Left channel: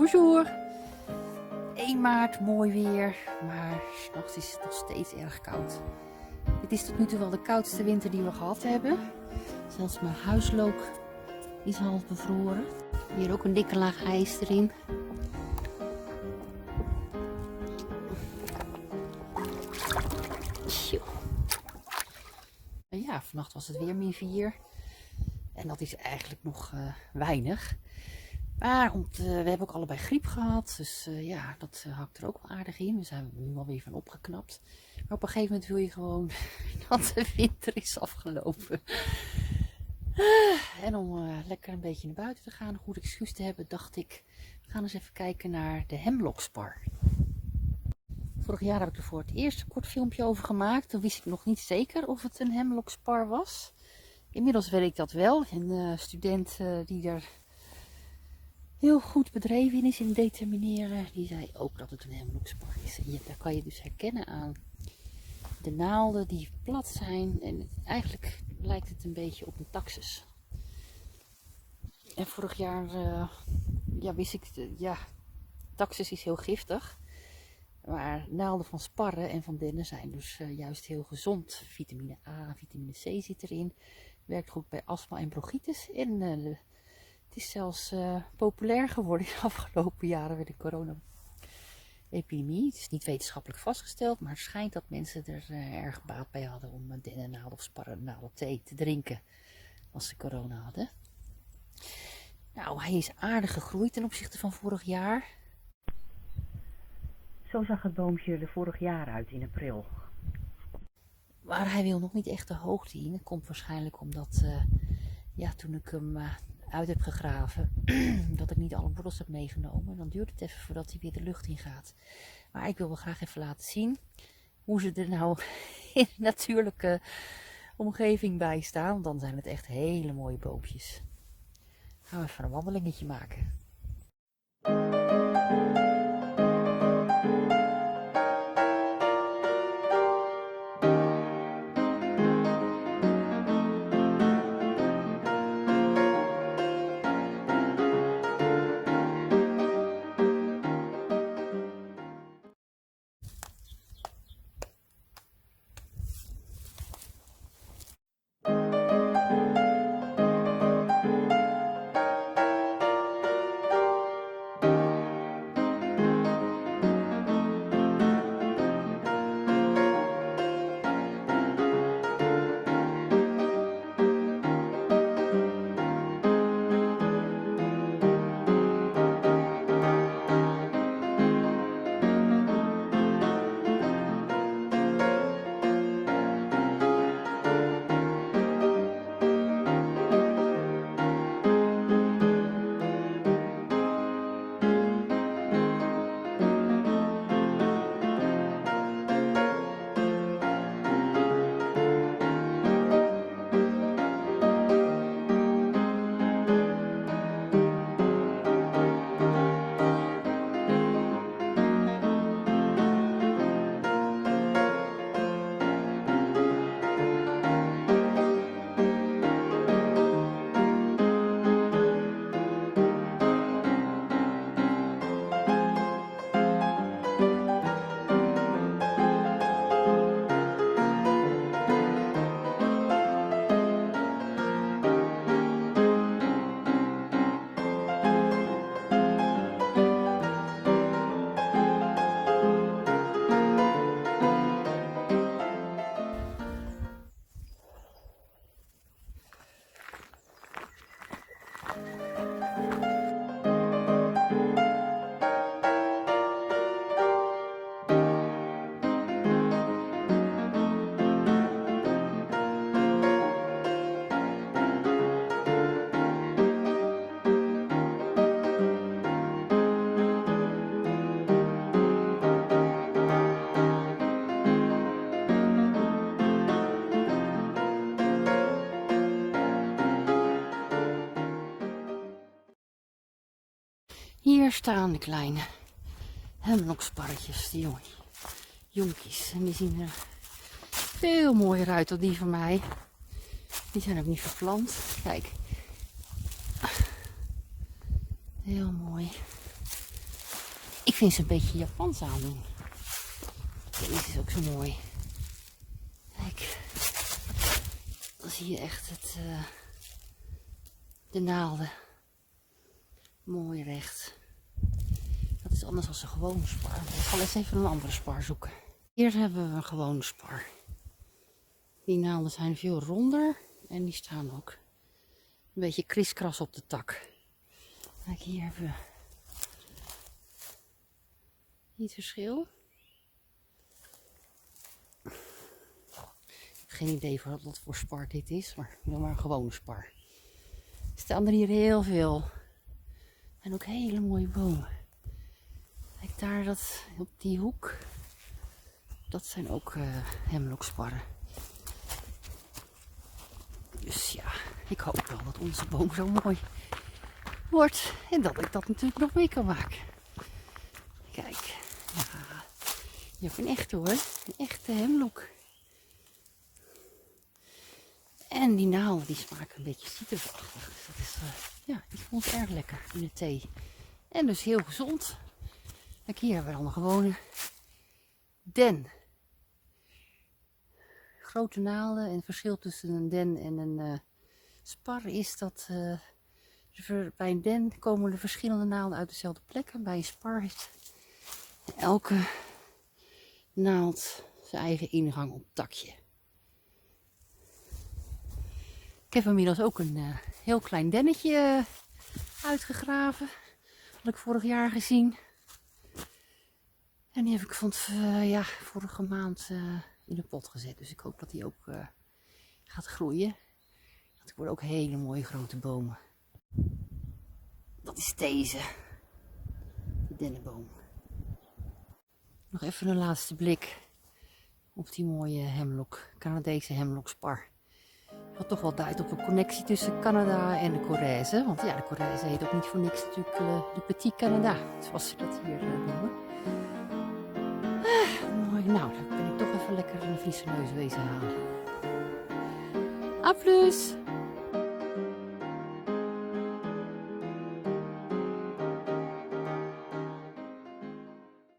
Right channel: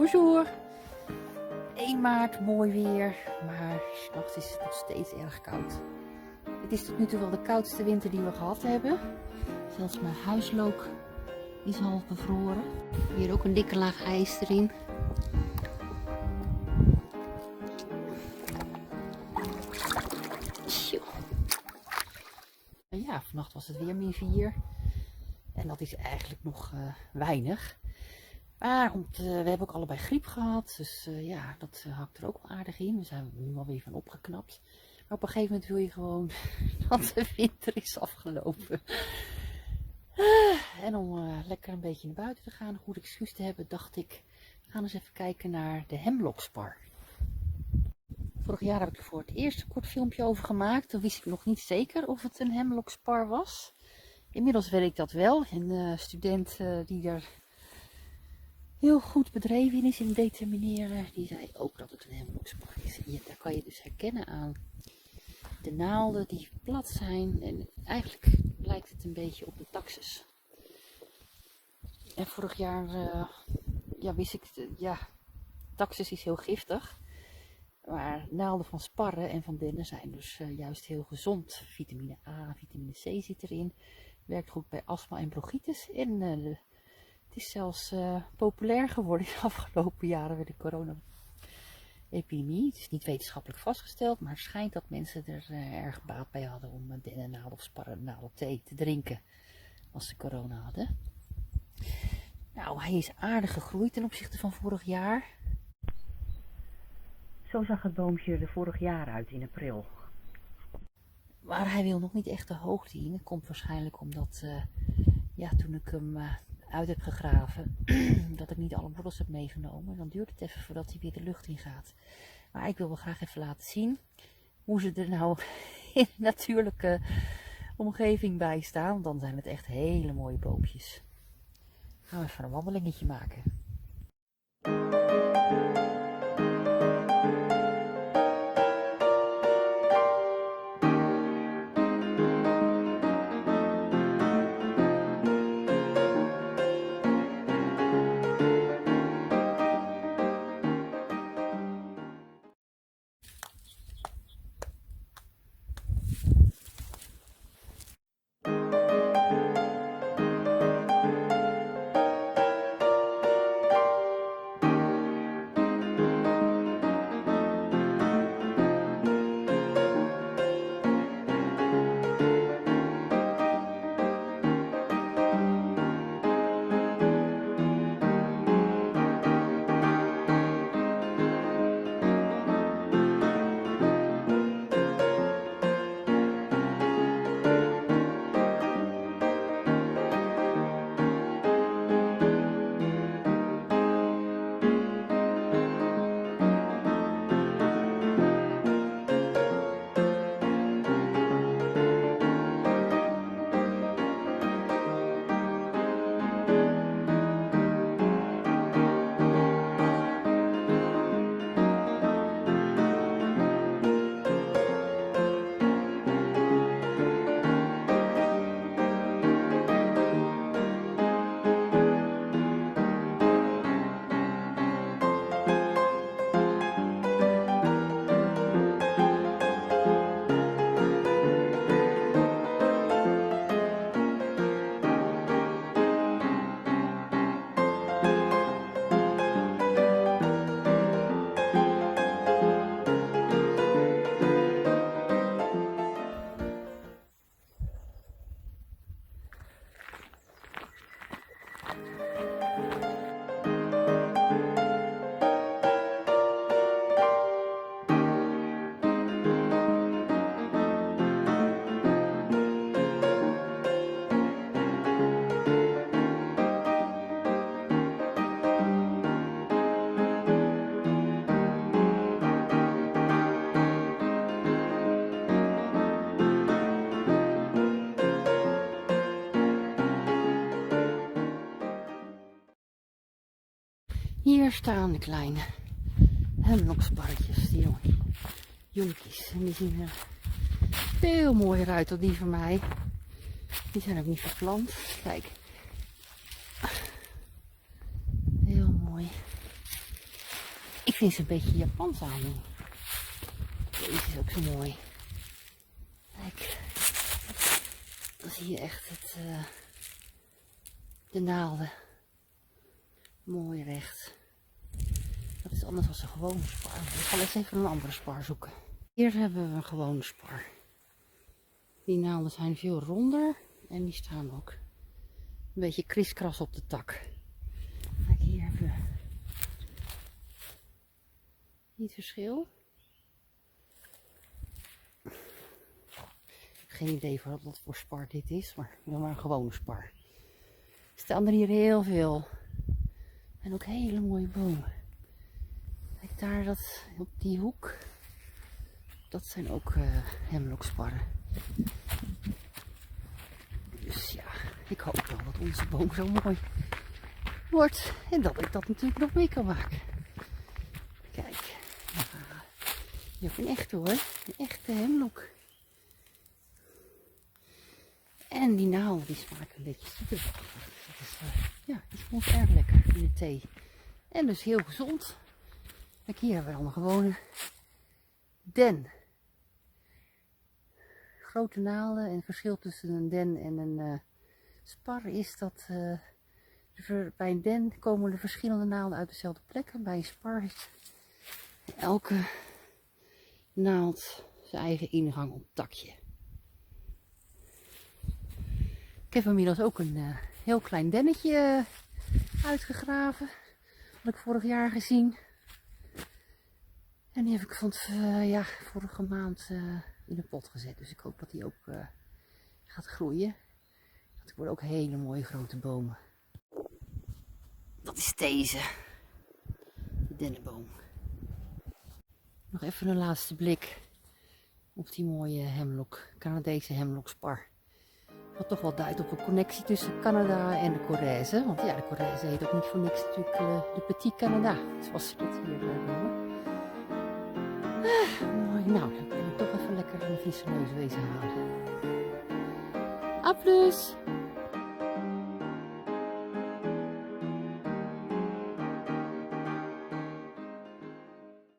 Bonjour! 1 maart, mooi weer, maar 's nachts is het nog steeds erg koud. Dit is tot nu toe wel de koudste winter die we gehad hebben. Zelfs mijn huislook is half bevroren. Hier ook een dikke laag ijs erin. Tjoe. Ja, vannacht was het weer -4. En dat is eigenlijk nog weinig. Maar we hebben ook allebei griep gehad. Dus ja, dat hakt er ook wel aardig in. We zijn er nu alweer van opgeknapt. Maar op een gegeven moment wil je gewoon dat de winter is afgelopen. En om lekker een beetje naar buiten te gaan, een goed excuus te hebben, dacht ik, we gaan eens even kijken naar de hemlockspar. Vorig jaar heb ik er voor het eerst een kort filmpje over gemaakt. Toen wist ik nog niet zeker of het een hemlockspar was. Inmiddels weet ik dat wel. Een student die er heel goed bedreven in is in determineren, die zei ook dat het een hemlockspar is. En daar kan je dus herkennen aan de naalden die plat zijn. En eigenlijk lijkt het een beetje op een taxus. En vorig jaar wist ik, taxus is heel giftig. Maar naalden van sparren en van dennen zijn dus juist heel gezond. Vitamine A, vitamine C zit erin. Werkt goed bij astma en bronchitis. En het is zelfs populair geworden in de afgelopen jaren met de corona-epidemie. Het is niet wetenschappelijk vastgesteld, maar het schijnt dat mensen er erg baat bij hadden om dennennaalden of sparrennaalden thee te drinken als ze corona hadden. Nou, hij is aardig gegroeid ten opzichte van vorig jaar. Zo zag het boompje er vorig jaar uit in april. Maar hij wil nog niet echt de hoogte in. Dat komt waarschijnlijk omdat toen ik hem uit heb gegraven, dat ik niet alle wortels heb meegenomen. Dan duurt het even voordat hij weer de lucht in gaat. Maar ik wil wel graag even laten zien hoe ze er nou in de natuurlijke omgeving bij staan. Dan zijn het echt hele mooie boompjes. Gaan we even een wandelingetje maken. Hier staan de kleine hemlocksparretjes, die jonkies. En die zien er veel mooier uit dan die van mij. Die zijn ook niet verplant. Kijk. Heel mooi. vind ze een beetje Japans aandoen. Deze is ook zo mooi. Kijk. Dan zie je echt de naalden. Mooi recht. Dat is anders dan een gewone spar. Ik zal eens even een andere spar zoeken. Hier hebben we een gewone spar. Die naalden zijn veel ronder en die staan ook een beetje kriskras op de tak. Kijk, hier hebben we niet verschil. Ik heb geen idee wat voor spar dit is, maar een gewone spar. Er staan er hier heel veel. En ook hele mooie bomen. Kijk daar, dat, op die hoek. Dat zijn ook hemloksparren. Dus ja, ik hoop wel dat onze boom zo mooi wordt. En dat ik dat natuurlijk nog mee kan maken. Kijk, ja, je hebt een echte hoor. Een echte hemlok. En die naalden die smaken een beetje citrusachtig. Dat is, ja, die vond ik erg lekker in de thee. En dus heel gezond. Kijk, hier hebben we dan een gewone den. Grote naalden. En het verschil tussen een den en een spar is dat bij een den komen de verschillende naalden uit dezelfde plek. En bij een spar is elke naald zijn eigen ingang op het takje. Ik heb inmiddels ook een heel klein dennetje uitgegraven. Dat had ik vorig jaar gezien. En die heb ik vorige maand in de pot gezet. Dus ik hoop dat die ook gaat groeien. Dat worden ook hele mooie grote bomen. Dat is deze. De dennenboom. Nog even een laatste blik op die mooie Canadese hemlokspar. Wat toch wel duidt op een connectie tussen Canada en de Corrèze. Want ja, de Corrèze heet ook niet voor niks natuurlijk de Petit Canada. Zoals ze dat hier noemen. Mooi. Nou, dan ben ik toch even lekker een Friese neus wezen halen. A plus!